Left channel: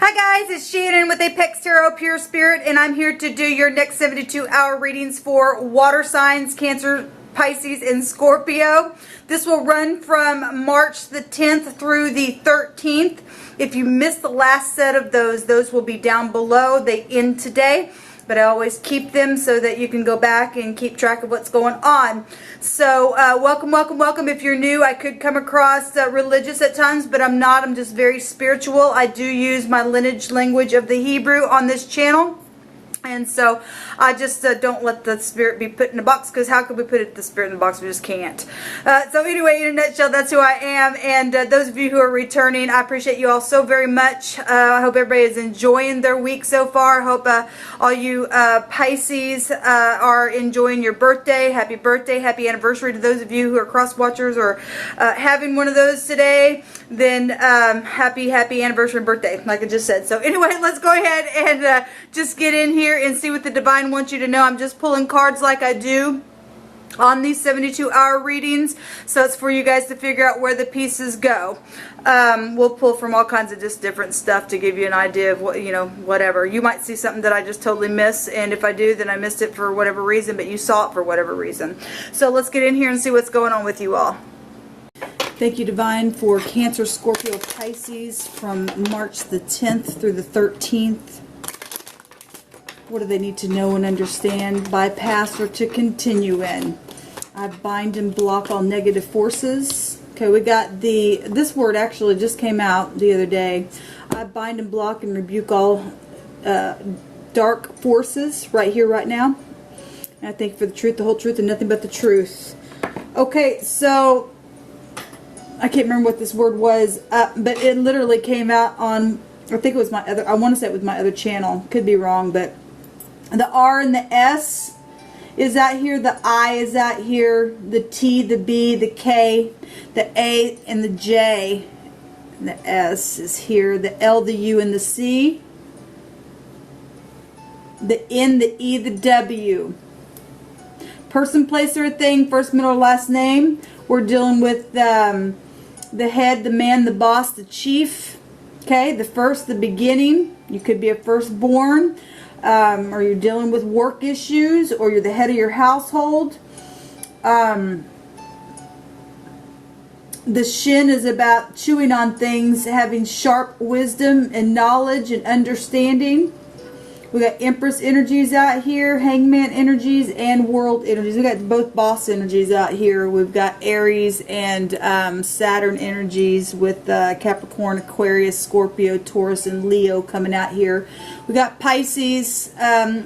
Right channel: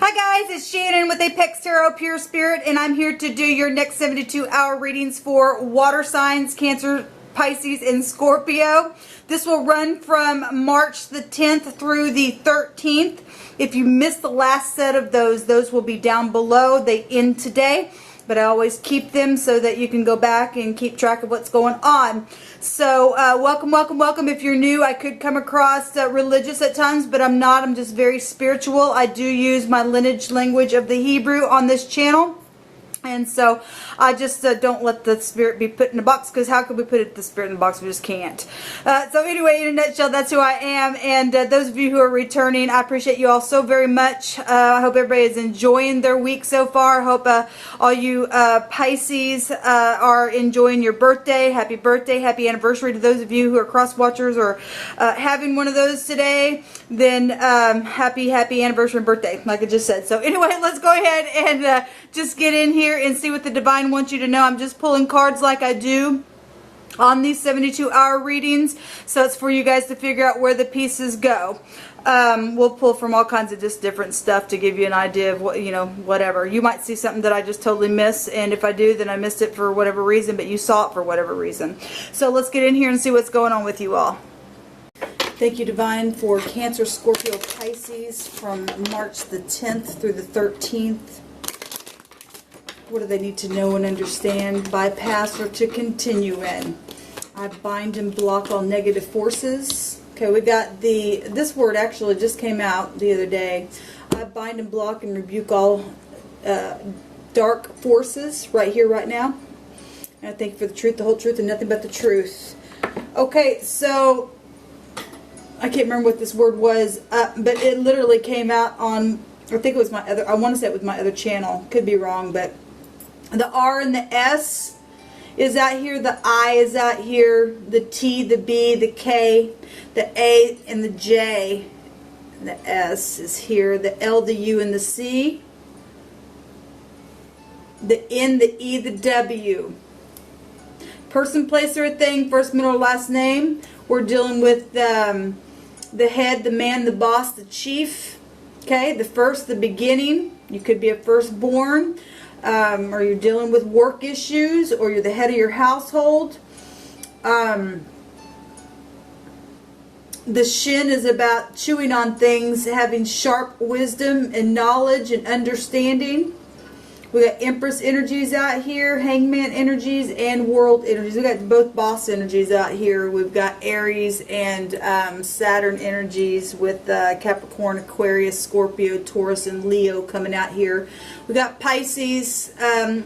Hi guys, it's Shannon with Apex Tarot Pure Spirit, and I'm here to do your next 72-hour readings for water signs, Cancer, Pisces, and Scorpio. This will run from March the 10th through the 13th. If you missed the last set of those will be down below. They end today, but I always keep them so that you can go back and keep track of what's going on. So welcome, welcome, welcome. If you're new, I could come across religious at times, but I'm not. I'm just very spiritual. I do use my lineage language of the Hebrew on this channel. And so I just don't let the spirit be put in a box, because how could we put the spirit in a box? We just can't. So anyway, in a nutshell, that's who I am. And those of you who are returning, I appreciate you all so very much. I hope everybody is enjoying their week so far. I hope all you Pisces are enjoying your birthday. Happy anniversary to those of you who are cross watchers or having one of those today. Then happy anniversary and birthday, like I just said. So anyway, let's go ahead and just get in here and see what the divine wants you to know. I'm just pulling cards like I do on these 72-hour readings, so it's for you guys to figure out where the pieces go. We'll pull from all kinds of just different stuff to give you an idea of what, whatever. You might see something that I just totally miss, and if I do, then I missed it for whatever reason, but you saw it for whatever reason. So let's get in here and see what's going on with you all. Thank you, Divine, for Cancer, Scorpio, Pisces from March the 10th through the 13th. What do they need to know and understand, bypass, or to continue in? I bind and block all negative forces. Okay, we got this word actually just came out the other day. I bind and block and rebuke all dark forces right here, right now. And I thank you for the truth, the whole truth, and nothing but the truth. Okay, so I can't remember what this word was, but it literally came out on, I think it was my other, I want to say it was my other channel. Could be wrong, but the R and the S is out here. The I is out here. The T, the B, the K, the A, and the J. And the S is here. The L, the U, and the C. The N, the E, the W. Person, place, or thing, first, middle, or last name. We're dealing with the head, the man, the boss, the chief. Okay, the first, the beginning. You could be a firstborn. Or you're dealing with work issues, or you're the head of your household. The shin is about chewing on things, having sharp wisdom and knowledge and understanding. We got Empress energies out here, Hangman energies, and World energies. We got both boss energies out here. We've got Aries and Saturn energies with Capricorn, Aquarius, Scorpio, Taurus, and Leo coming out here. We got Pisces,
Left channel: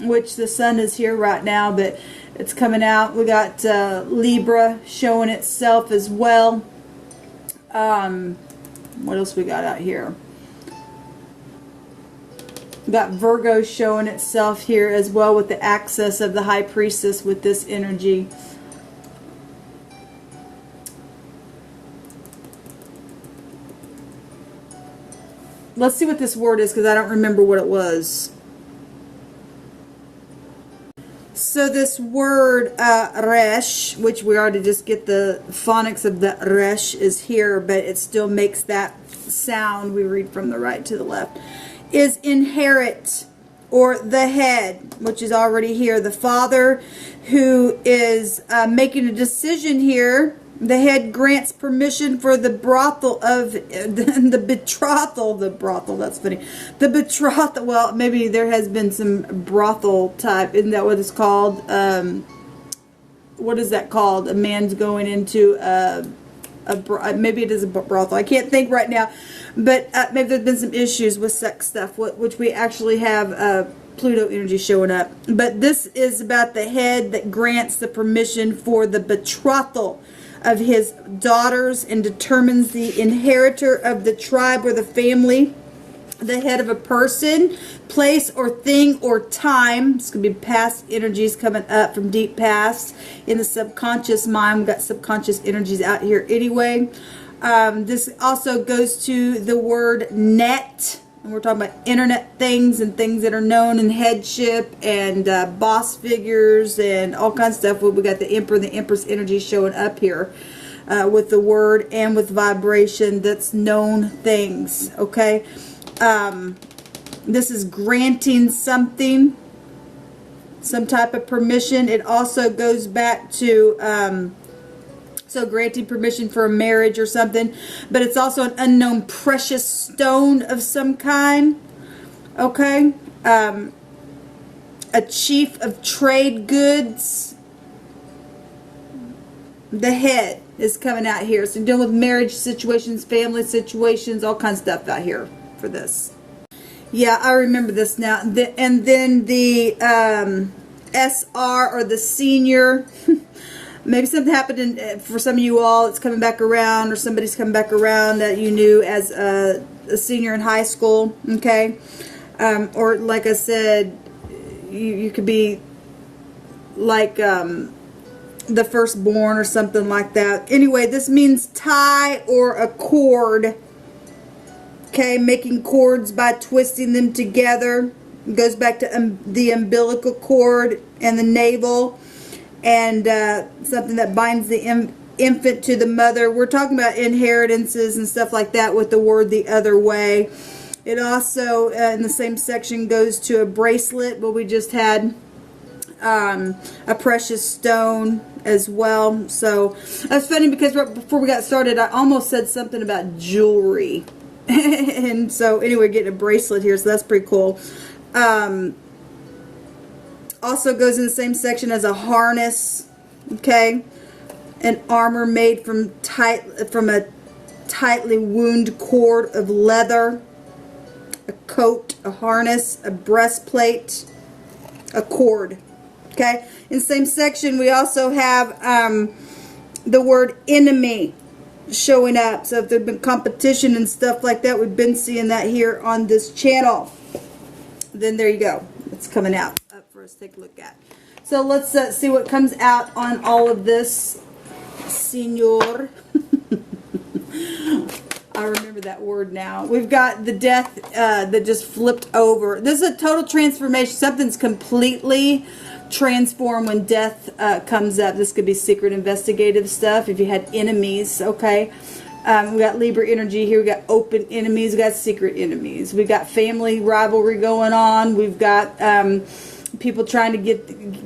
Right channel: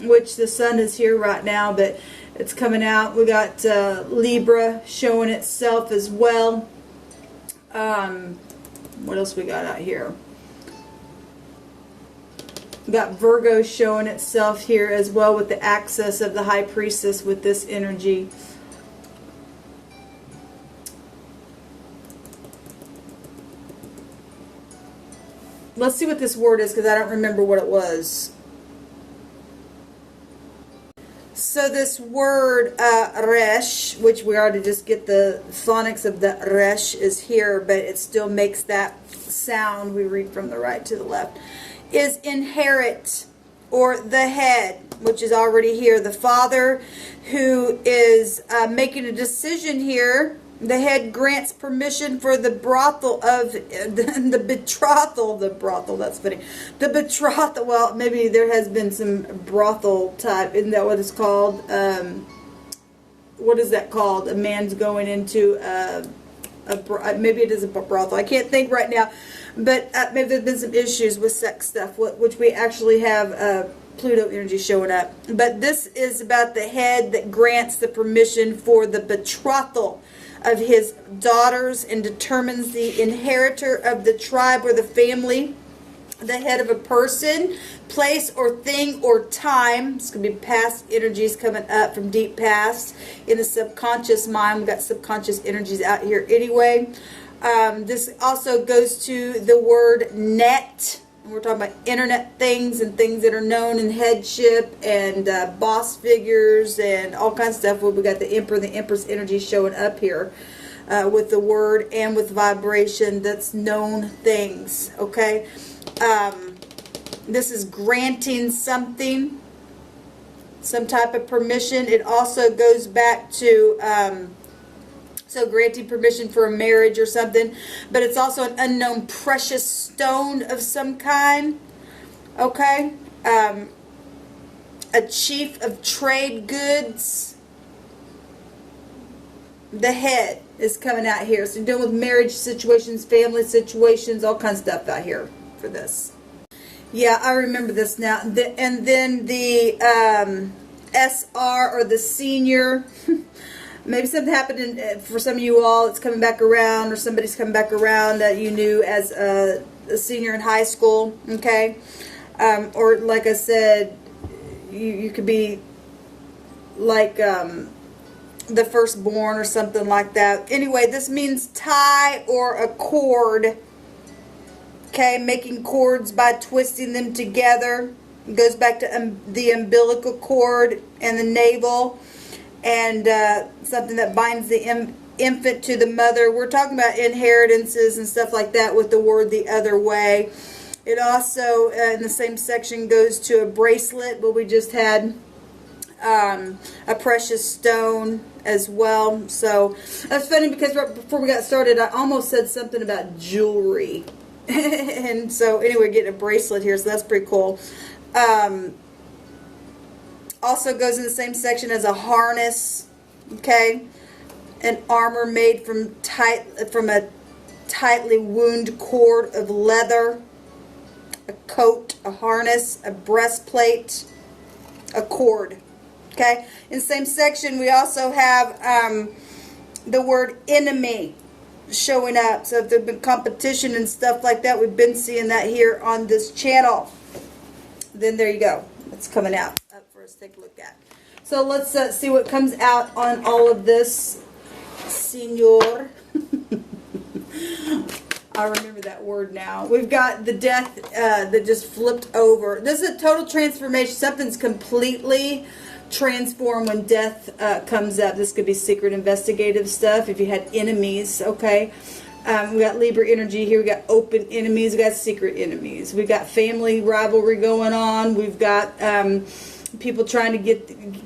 which the sun is here right now, but it's coming out. We got Libra showing itself as well. What else we got out here? We got Virgo showing itself here as well, with the access of the High Priestess with this energy. Let's see what this word is, because I don't remember what it was. So this word, resh, which we already just get the phonics of the resh, is here, but it still makes that sound. We read from the right to the left. Is inherit, or the head, which is already here. The father who is making a decision here. The head grants permission for the brothel of the betrothal. The brothel, that's funny. The betrothal, well, maybe there has been some brothel type. Isn't that what it's called? What is that called? A man's going into maybe it is a brothel. I can't think right now, but maybe there's been some issues with sex stuff, which we actually have Pluto energy showing up. But this is about the head that grants the permission for the betrothal of his daughters and determines the inheritor of the tribe or the family. The head of a person, place, or thing, or time. It's going to be past energies coming up from deep past in the subconscious mind. We've got subconscious energies out here anyway. This also goes to the word net. And we're talking about internet things and things that are known in headship and boss figures and all kinds of stuff. Well, we got the Emperor and the Empress energy showing up here with the word and with vibration. That's known things, okay? This is granting something, some type of permission. It also goes back to, so granting permission for a marriage or something. But it's also an unknown precious stone of some kind. Okay. A chief of trade goods. The head is coming out here. So dealing with marriage situations, family situations, all kinds of stuff out here for this. Yeah, I remember this now. And then the SR, or the senior. Maybe something happened for some of you all. It's coming back around, or somebody's coming back around that you knew as a senior in high school. Okay. Or like I said, you could be like the firstborn or something like that. Anyway, this means tie or a cord. Okay, making cords by twisting them together. It goes back to the umbilical cord and the navel, and something that binds the infant to the mother. We're talking about inheritances and stuff like that with the word the other way. It also, in the same section, goes to a bracelet, but we just had a precious stone as well. So that's funny, because right before we got started, I almost said something about jewelry. And so anyway, getting a bracelet here, so that's pretty cool. Also goes in the same section as a harness. Okay, an armor made from a tightly wound cord of leather. A coat, a harness, a breastplate, a cord. Okay, in the same section we also have the word enemy showing up. So if there's been competition and stuff like that, we've been seeing that here on this channel. Then there you go. It's coming out up for us to take a look at. So let's see what comes out on all of this, Senor. I remember that word now. We've got the death that just flipped over. This is a total transformation. Something's completely transformed when death comes up. This could be secret investigative stuff if you had enemies. Okay. We got Libra energy here. We got open enemies. We got secret enemies. We got family rivalry going on. We've got people trying to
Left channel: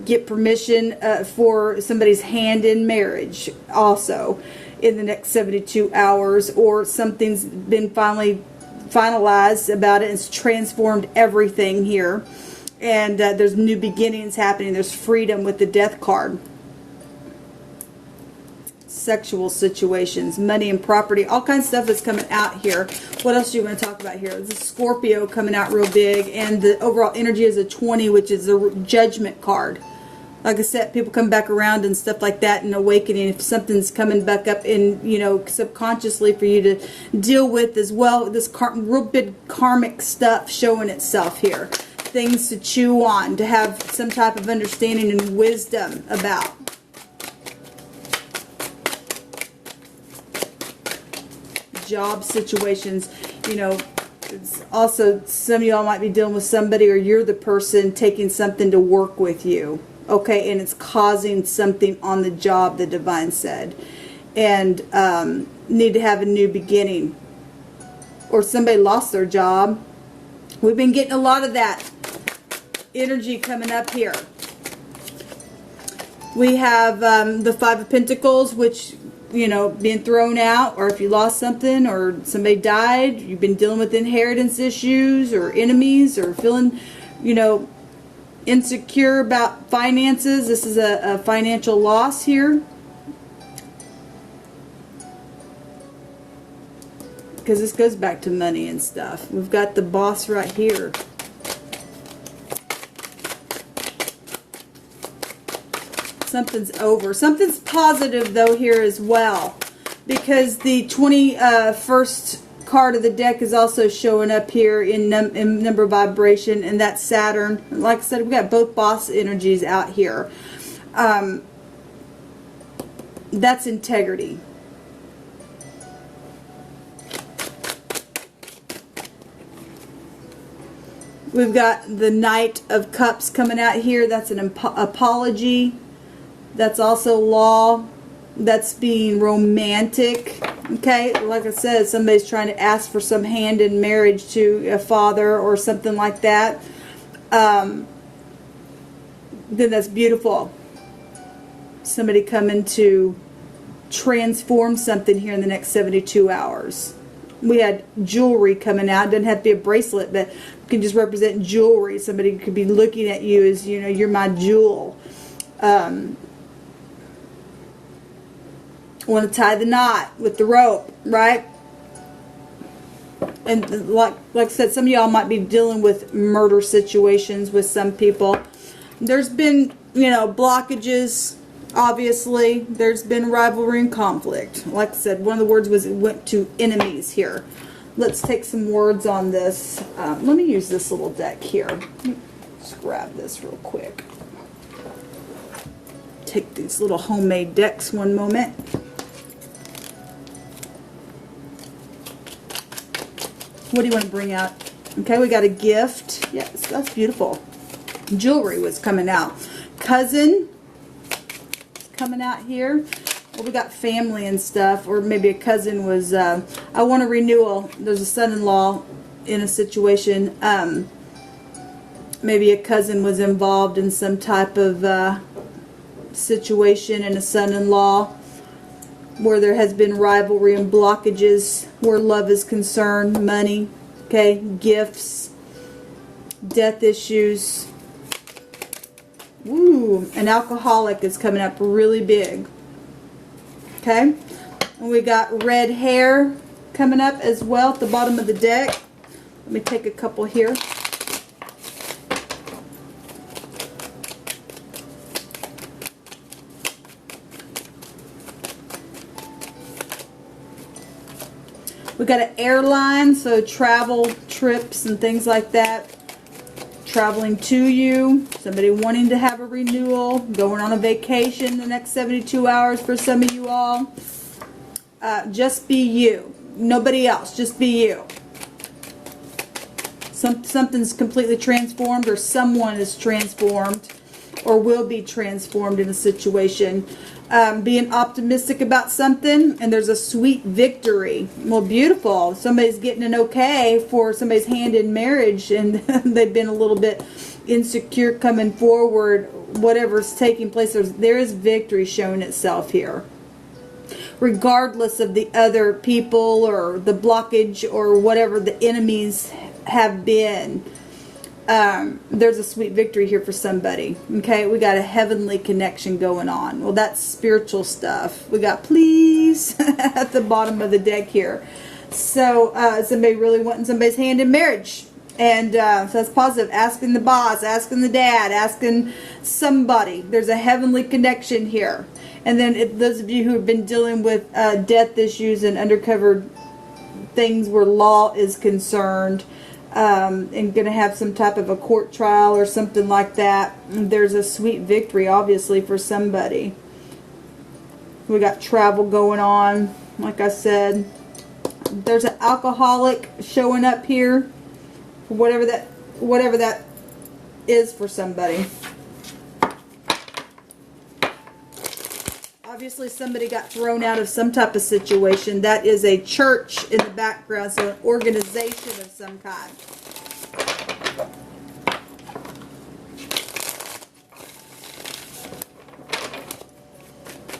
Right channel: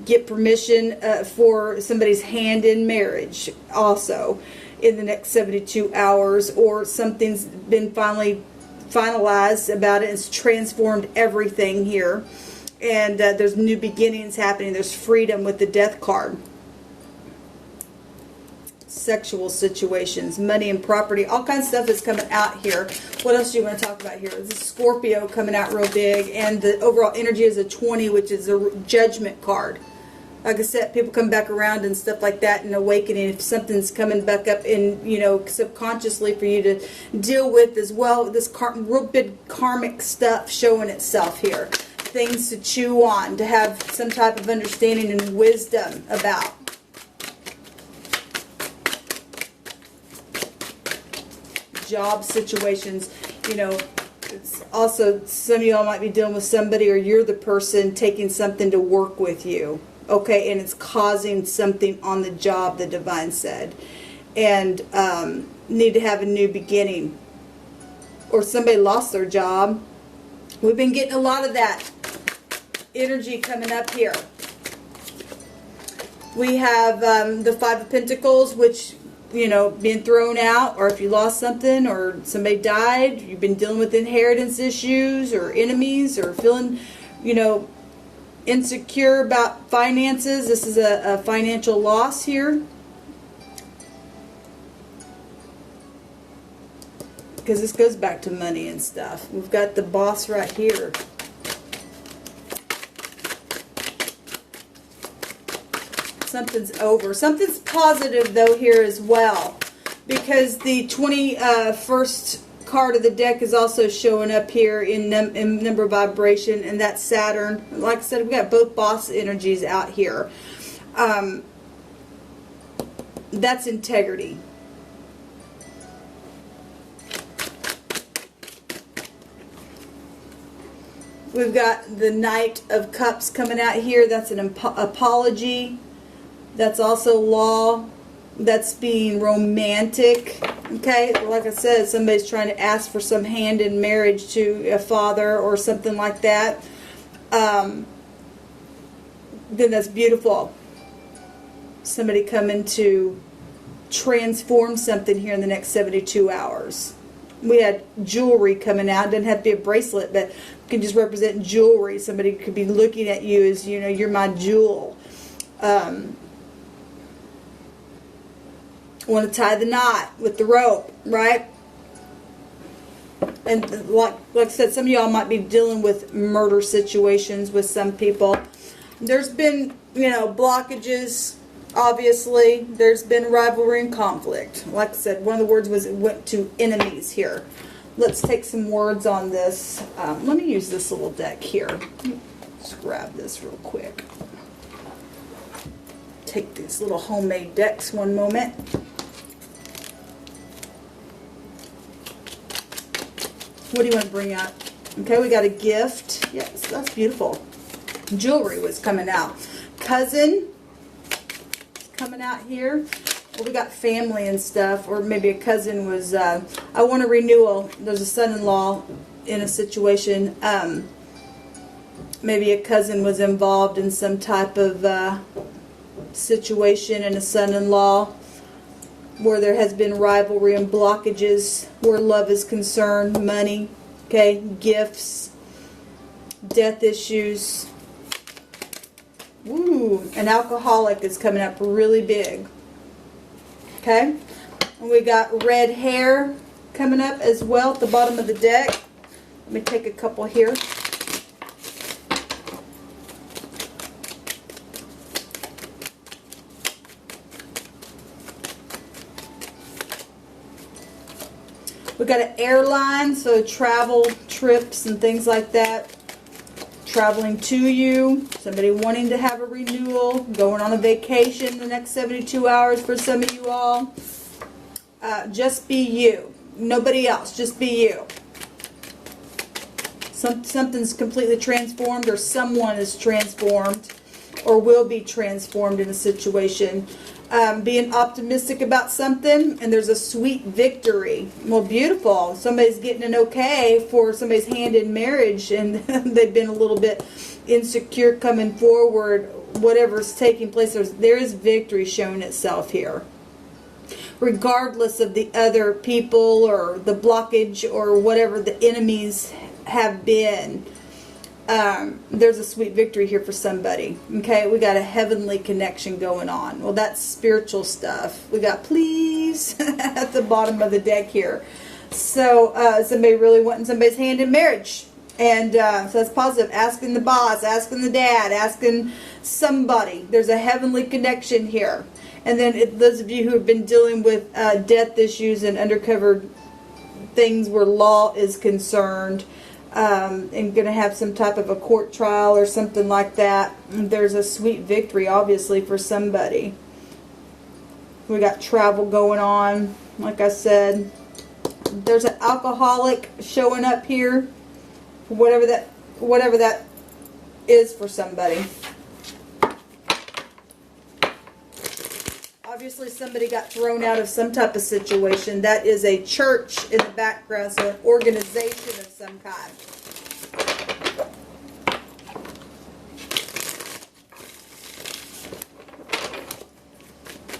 get permission for somebody's hand in marriage also in the next 72 hours, or something's been finally finalized about it. It's transformed everything here, and there's new beginnings happening. There's freedom with the death card. Sexual situations, money and property, all kinds of stuff is coming out here. What else do you want to talk about here? This is Scorpio coming out real big, and the overall energy is a 20, which is the judgment card. Like I said, people come back around and stuff like that, and awakening. If something's coming back up in, subconsciously for you to deal with as well. This real big karmic stuff showing itself here. Things to chew on, to have some type of understanding and wisdom about. Job situations, it's also, some of y'all might be dealing with somebody, or you're the person taking something to work with you. Okay, and it's causing something on the job, the divine said, and need to have a new beginning, or somebody lost their job. We've been getting a lot of that energy coming up here. We have the Five of Pentacles, which, being thrown out, or if you lost something, or somebody died, you've been dealing with inheritance issues, or enemies, or feeling, insecure about finances. This is a financial loss here, because this goes back to money and stuff. We've got the Boss right here. Something's over. Something's positive though here as well, because the 21st card of the deck is also showing up here in number vibration, and that's Saturn. Like I said, we got both boss energies out here. That's integrity. We've got the Knight of Cups coming out here. That's an apology. That's also law. That's being romantic. Okay, like I said, somebody's trying to ask for some hand in marriage to a father or something like that. Then that's beautiful. Somebody coming to transform something here in the next 72 hours. We had jewelry coming out. It doesn't have to be a bracelet, but it can just represent jewelry. Somebody could be looking at you as, you know, you're my jewel. Want to tie the knot with the rope, right? And like I said, some of y'all might be dealing with murder situations with some people. There's been, you know, blockages. Obviously, there's been rivalry and conflict. Like I said, one of the words was it went to enemies here. Let's take some words on this. Let me use this little deck here. Let's grab this real quick. Take these little homemade decks one moment. What do you want to bring out? Okay, we got a gift. Yes, that's beautiful. Jewelry was coming out. Cousin coming out here. Well, we got family and stuff, or maybe a cousin was, I want a renewal. There's a son-in-law in a situation. Maybe a cousin was involved in some type of situation, and a son-in-law where there has been rivalry and blockages where love is concerned, money, okay, gifts, death issues. Ooh, an alcoholic is coming up really big. Okay, and we got red hair coming up as well at the bottom of the deck. Let me take a couple here. We got an airline, so travel, trips, and things like that. Traveling to you, somebody wanting to have a renewal, going on a vacation the next 72 hours for some of you all. Just be you. Nobody else, just be you. Something's completely transformed, or someone is transformed or will be transformed in a situation. Being optimistic about something, and there's a sweet victory. Well, beautiful. Somebody's getting an okay for somebody's hand in marriage, and they've been a little bit insecure coming forward. Whatever's taking place, there is victory showing itself here. Regardless of the other people or the blockage or whatever the enemies have been, there's a sweet victory here for somebody. Okay, we got a heavenly connection going on. Well, that's spiritual stuff. We got please at the bottom of the deck here. So somebody really wanting somebody's hand in marriage, and so that's positive. Asking the boss, asking the dad, asking somebody. There's a heavenly connection here. And then those of you who have been dealing with death issues and undercover things where law is concerned, and going to have some type of a court trial or something like that, there's a sweet victory, obviously, for somebody. We got travel going on, like I said. There's an alcoholic showing up here, whatever that is for somebody. Obviously, somebody got thrown out of some type of situation. That is a church in the background, so an organization of some kind.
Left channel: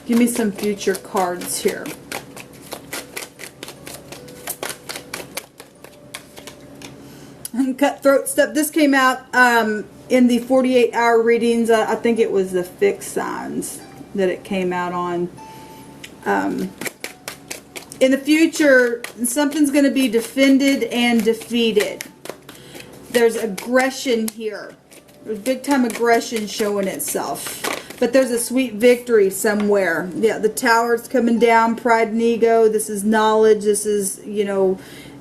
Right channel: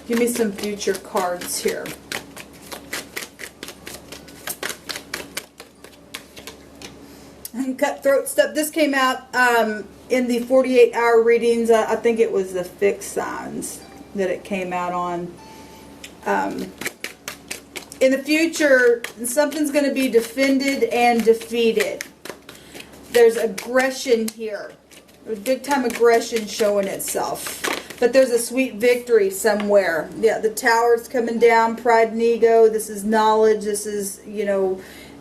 Give me some future cards here. And cutthroat stuff. This came out in the 48-hour readings. I think it was the fixed signs that it came out on. In the future, something's going to be defended and defeated. There's aggression here. There's big time aggression showing itself. But there's a sweet victory somewhere. Yeah, the tower's coming down, pride and ego. This is knowledge. This is, you know,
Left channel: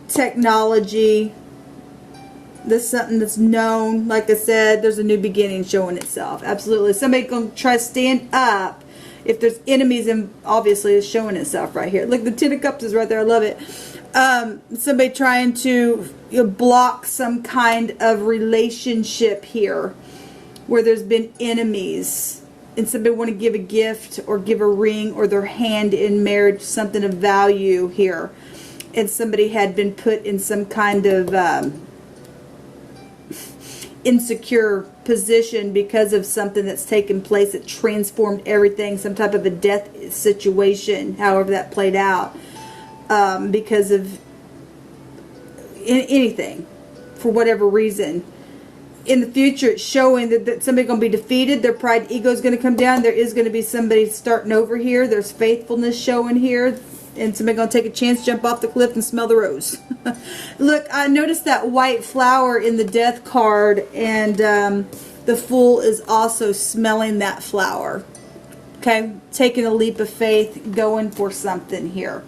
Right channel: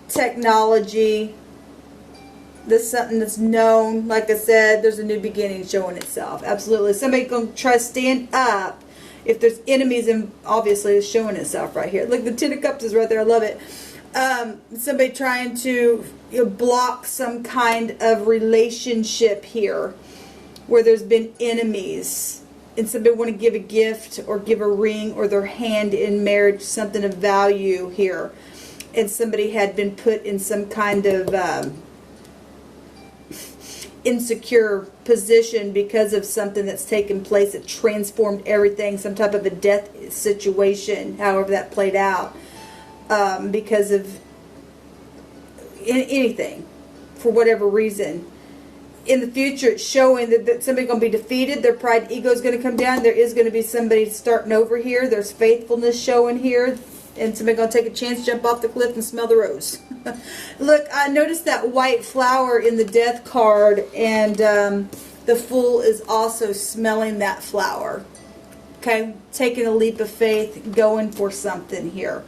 technology. This is something that's known. Like I said, there's a new beginning showing itself. Absolutely. Somebody going to try to stand up. If there's enemies, and obviously it's showing itself right here. Look, the Ten of Cups is right there. I love it. Somebody trying to block some kind of relationship here where there's been enemies. and somebody want to give a gift or give a ring or their hand in marriage, something of value here. And somebody had been put in some kind of insecure position because of something that's taken place that transformed everything, some type of a death situation, however that played out, because of anything, for whatever reason. In the future, it's showing that somebody's going to be defeated. Their pride, ego is going to come down. There is going to be somebody starting over here. There's faithfulness showing here. And somebody's going to take a chance, jump off the cliff, and smell the rose. Look, I noticed that white flower in the death card. And the Fool is also smelling that flower. Okay? Taking a leap of faith, going for something here.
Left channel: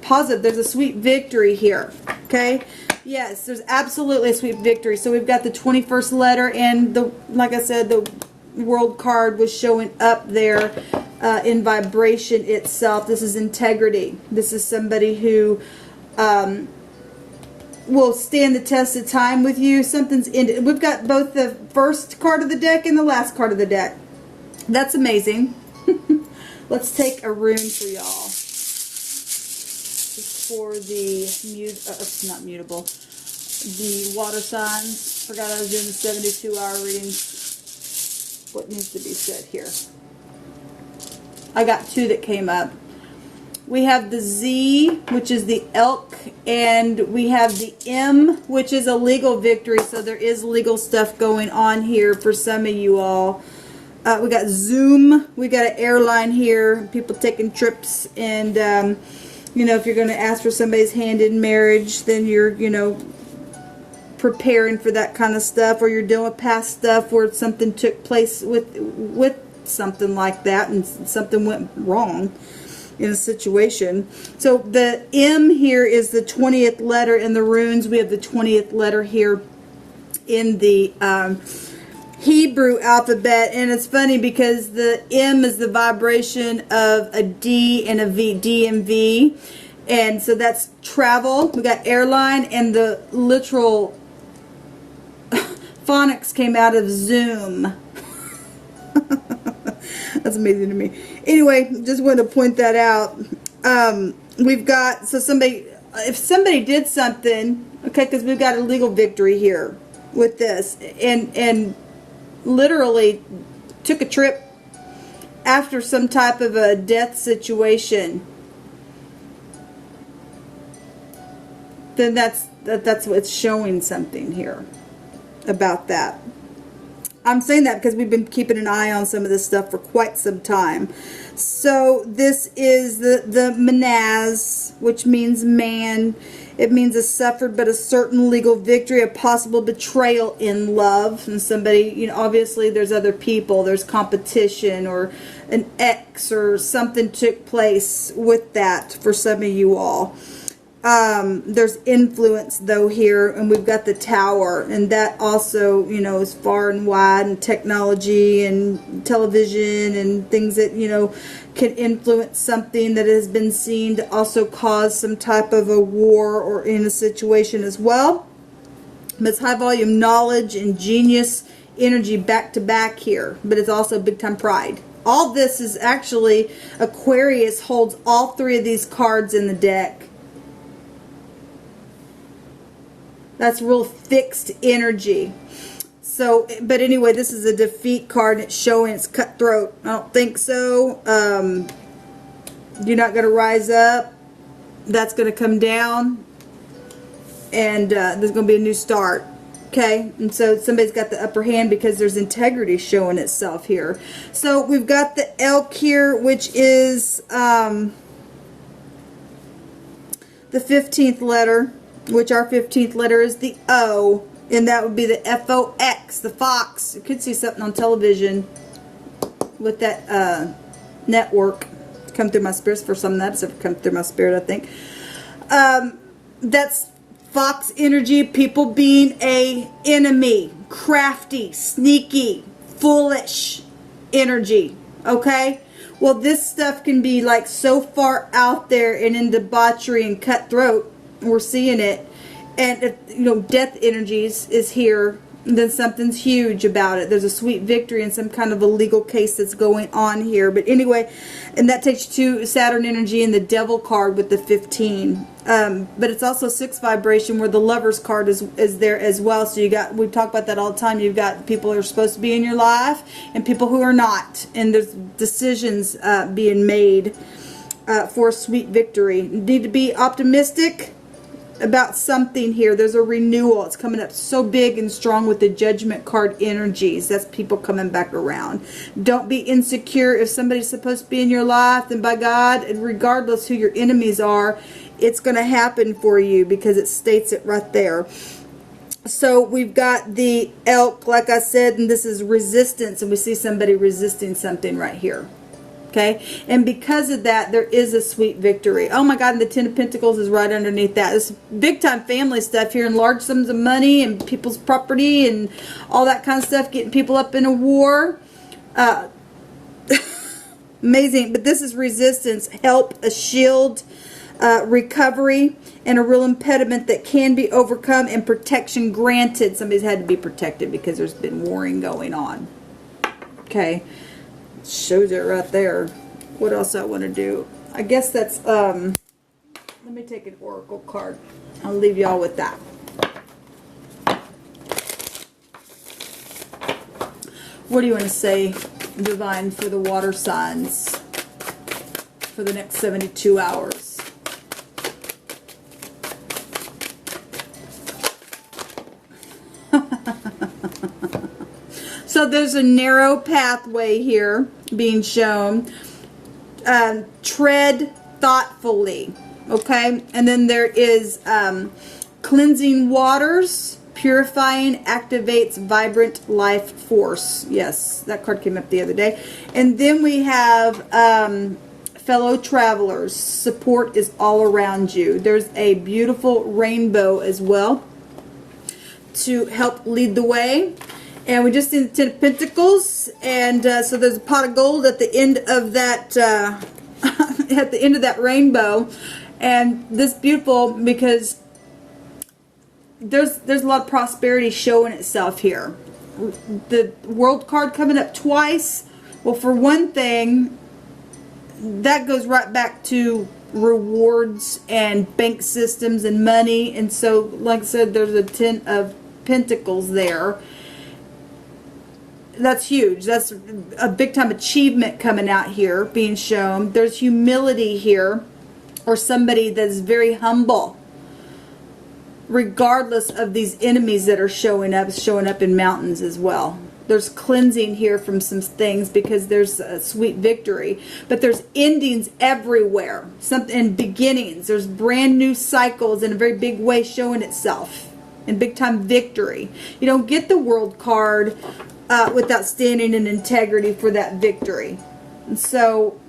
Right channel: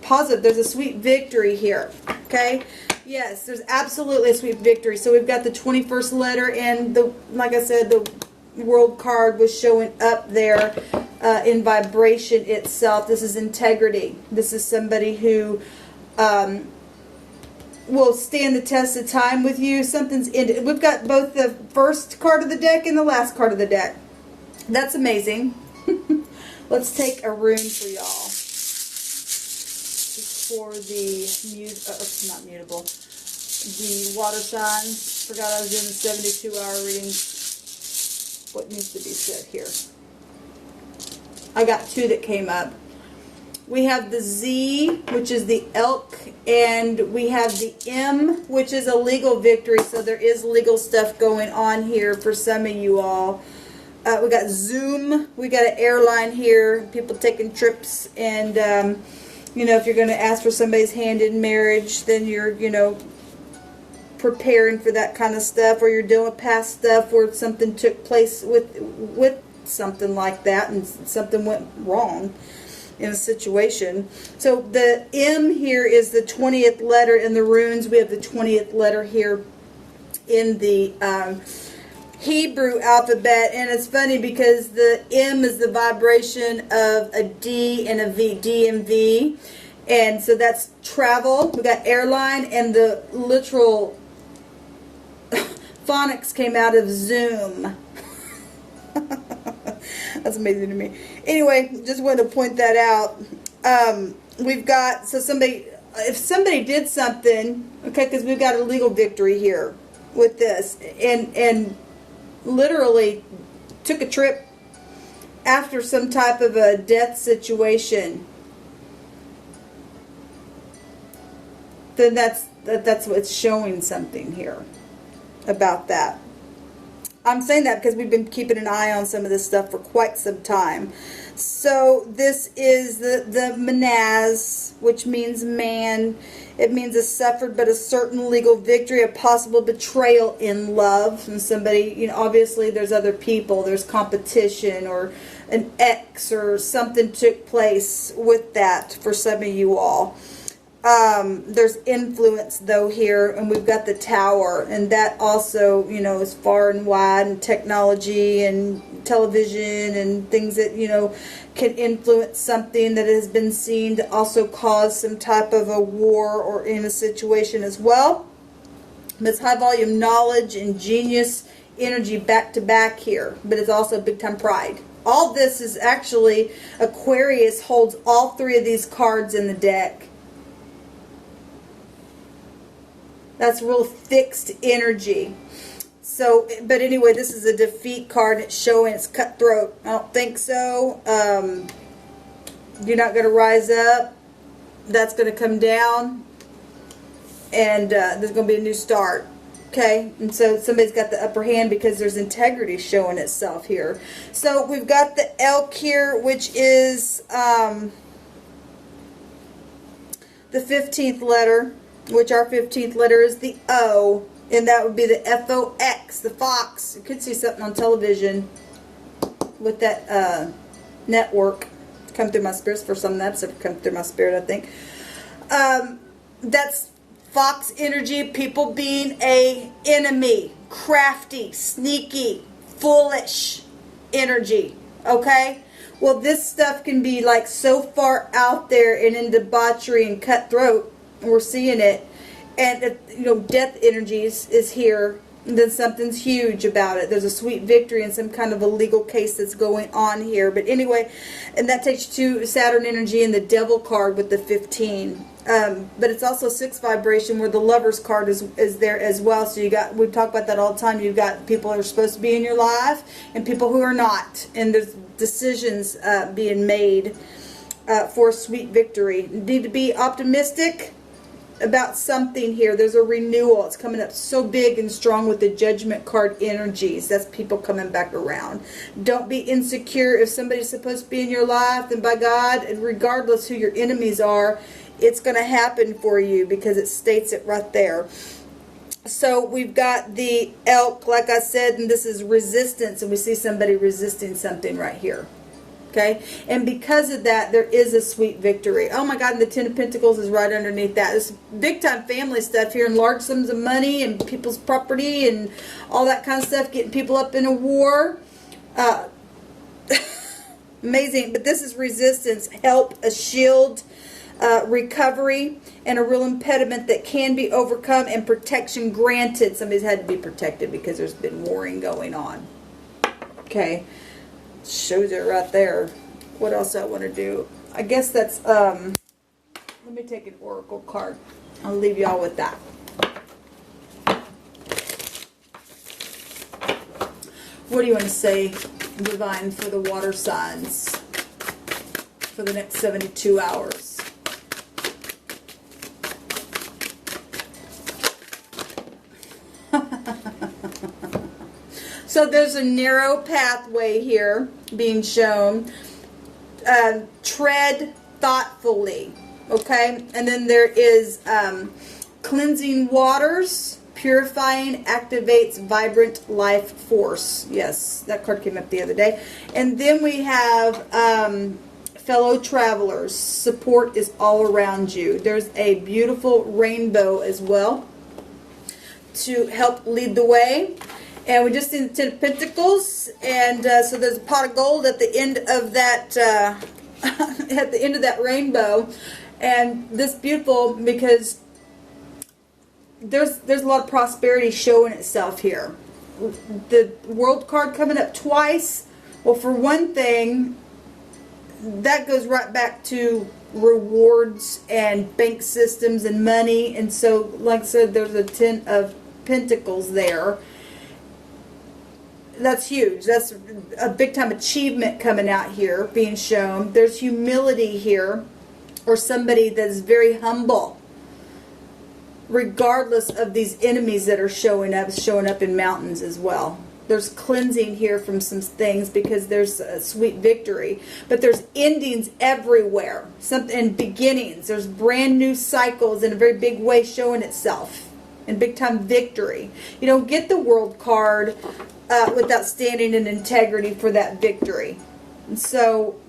Positive. There's a sweet victory here. Okay? Yes, there's absolutely a sweet victory. So we've got the 21st letter, and the, like I said, the World card was showing up there in vibration itself. This is integrity. This is somebody who will stand the test of time with you. Something's ended. We've got both the first card of the deck and the last card of the deck. That's amazing. Let's take a rune for y'all. For the not mutable, the water signs. Forgot I was doing the 72-hour readings. What needs to be said here? I got two that came up. We have the Z, which is the elk, and we have the M, which is a legal victory. So there is legal stuff going on here for some of you all. We got Zoom. We got an airline here. People taking trips, and you know, if you're going to ask for somebody's hand in marriage, then you're, you know, preparing for that kind of stuff, or you're doing past stuff where something took place with something like that, and something went wrong in a situation. So the M here is the 20th letter in the runes. We have the 20th letter here in the Hebrew alphabet, and it's funny because the M is the vibration of a D and a V, D and V, and so that's travel. We got airline, and the literal phonics came out of Zoom. That's amazing to me. Anyway, just wanted to point that out. We've got, so somebody, if somebody did something, okay, because we've got a legal victory here with this, and literally took a trip after some type of a death situation, then that's what's showing something here about that. I'm saying that because we've been keeping an eye on some of this stuff for quite some time. So this is the Manaz, which means man. It means a suffered but a certain legal victory, a possible betrayal in love. And somebody, you know, obviously there's other people, there's competition, or an ex, or something took place with that for some of you all. There's influence though here, and we've got the Tower, and that also, you know, is far and wide, and technology and television and things that, you know, can influence something that has been seen to also cause some type of a war or in a situation as well. But it's high volume knowledge and genius energy back to back here, but it's also big time pride. All this is actually, Aquarius holds all three of these cards in the deck. That's real fixed energy. So, but anyway, this is a defeat card. It's showing it's cutthroat. I don't think so. You're not going to rise up. That's going to come down. And there's going to be a new start. Okay? And so somebody's got the upper hand because there's integrity showing itself here. So we've got the elk here, which is the 15th letter. Which our 15th letter is the O, and that would be the F-O-X, the fox. You could see something on television with that network. Come through my spirit for some of that episode. Come through my spirit, I think. That's fox energy. People being a enemy, crafty, sneaky, foolish energy. Okay. Well, this stuff can be like so far out there and in debauchery and cutthroat. We're seeing it, and you know, death energies is here then something's huge about it. There's a sweet victory in some kind of a legal case that's going on here. But anyway, and that takes you to Saturn energy and the Devil card with the 15. But it's also 6 vibration where the Lovers card is there as well. So you got, we talk about that all the time. You've got people who are supposed to be in your life and people who are not. And there's decisions being made for sweet victory. You need to be optimistic about something here. There's a renewal. It's coming up so big and strong with the Judgment card energies. That's people coming back around. Don't be insecure. If somebody's supposed to be in your life, then by God, and regardless who your enemies are, it's going to happen for you because it states it right there. So we've got the Elk, like I said, and this is resistance, and we see somebody resisting something right here. Okay, and because of that, there is a sweet victory. Oh my God, and the Ten of Pentacles is right underneath that. It's big time family stuff here, and large sums of money and people's property and all that kind of stuff, getting people up in a war. Amazing, but this is resistance, help, a shield, recovery, and a real impediment that can be overcome, and protection granted. Somebody's had to be protected because there's been warring going on. Okay. Shows it right there. What else I want to do? I guess that's let me take an oracle card. I'll leave y'all with that. What do you want to say, Divine, for the water signs for the next 72 hours? So there's a narrow pathway here being shown. Tread thoughtfully, okay? And then there is cleansing waters, purifying, activates vibrant life force. Yes, that card came up the other day. And then we have fellow travelers. Support is all around you. There's a beautiful rainbow as well to help lead the way. And we just did the Ten of Pentacles, and so there's a pot of gold at the end of that at the end of that rainbow, and this beautiful because there's a lot of prosperity showing itself here. The World card coming up twice. Well, for one thing, that goes right back to rewards and bank systems and money, and so like I said, there's a Ten of Pentacles there. That's huge. That's a big time achievement coming out here being shown. There's humility here, or somebody that's very humble regardless of these enemies that are showing up in mountains as well. There's cleansing here from some things because there's a sweet victory, but there's endings everywhere, something and beginnings. There's brand new cycles in a very big way showing itself. And big time victory. You don't get the World card without standing in integrity for that victory. And so,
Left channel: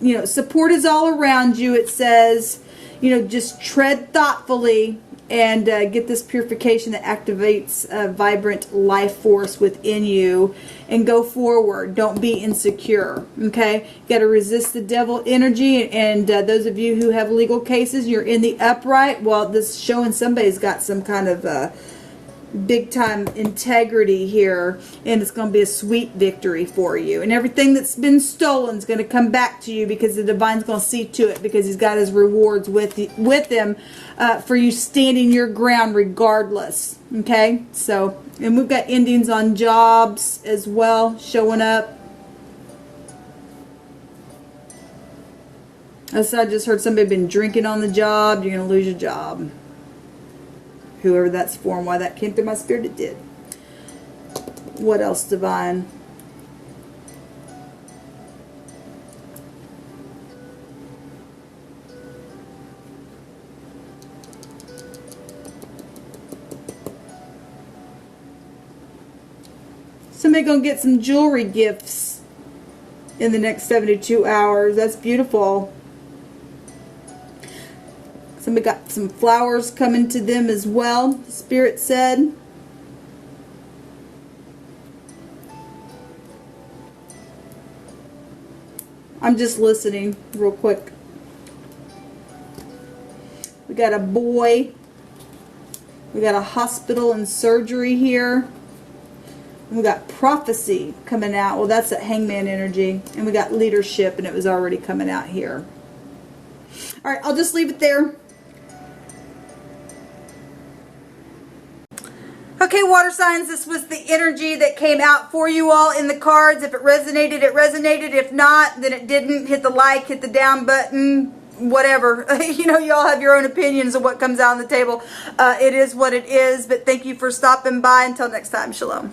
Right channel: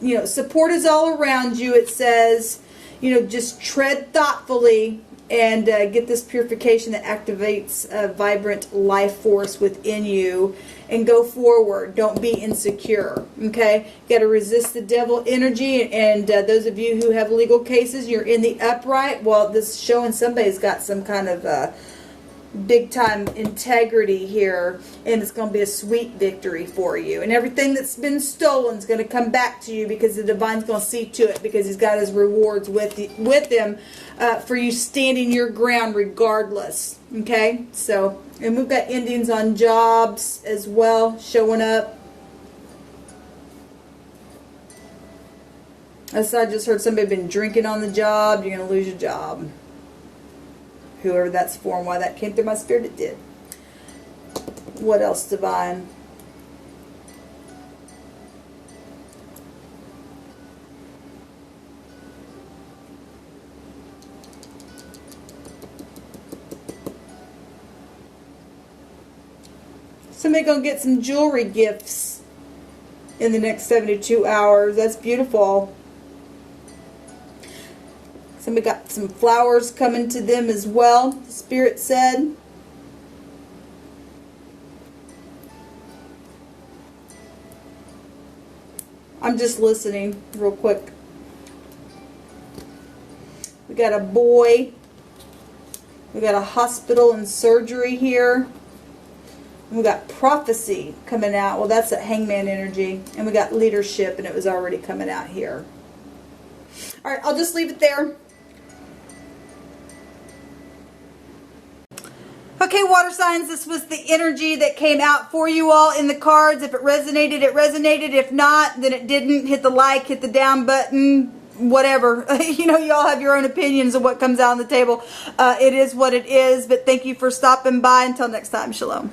you know, support is all around you. It says, you know, just tread thoughtfully and get this purification that activates a vibrant life force within you, and go forward. Don't be insecure. Okay, you got to resist the devil energy. And those of you who have legal cases, you're in the upright. Well, this is showing somebody's got some kind of big time integrity here, and it's going to be a sweet victory for you. And everything that's been stolen is going to come back to you because the Divine's going to see to it, because he's got his rewards with him for you standing your ground regardless. Okay, so, and we've got endings on jobs as well showing up. So I just heard somebody been drinking on the job. You're going to lose your job. Whoever that's for, and why that came through my spirit, it did. What else, Divine? Somebody gonna get some jewelry gifts in the next 72 hours. That's beautiful. Somebody got some flowers coming to them as well, Spirit said. I'm just listening real quick. We got a boy. We got a hospital and surgery here. And we got prophecy coming out. Well, that's that hangman energy. And we got leadership, and it was already coming out here. All right, I'll just leave it there. Okay, water signs, this was the energy that came out for you all in the cards. If it resonated, it resonated. If not, then it didn't. Hit the like, hit the down button, whatever. You know, you all have your own opinions of what comes out on the table. It is what it is, but thank you for stopping by. Until next time, shalom.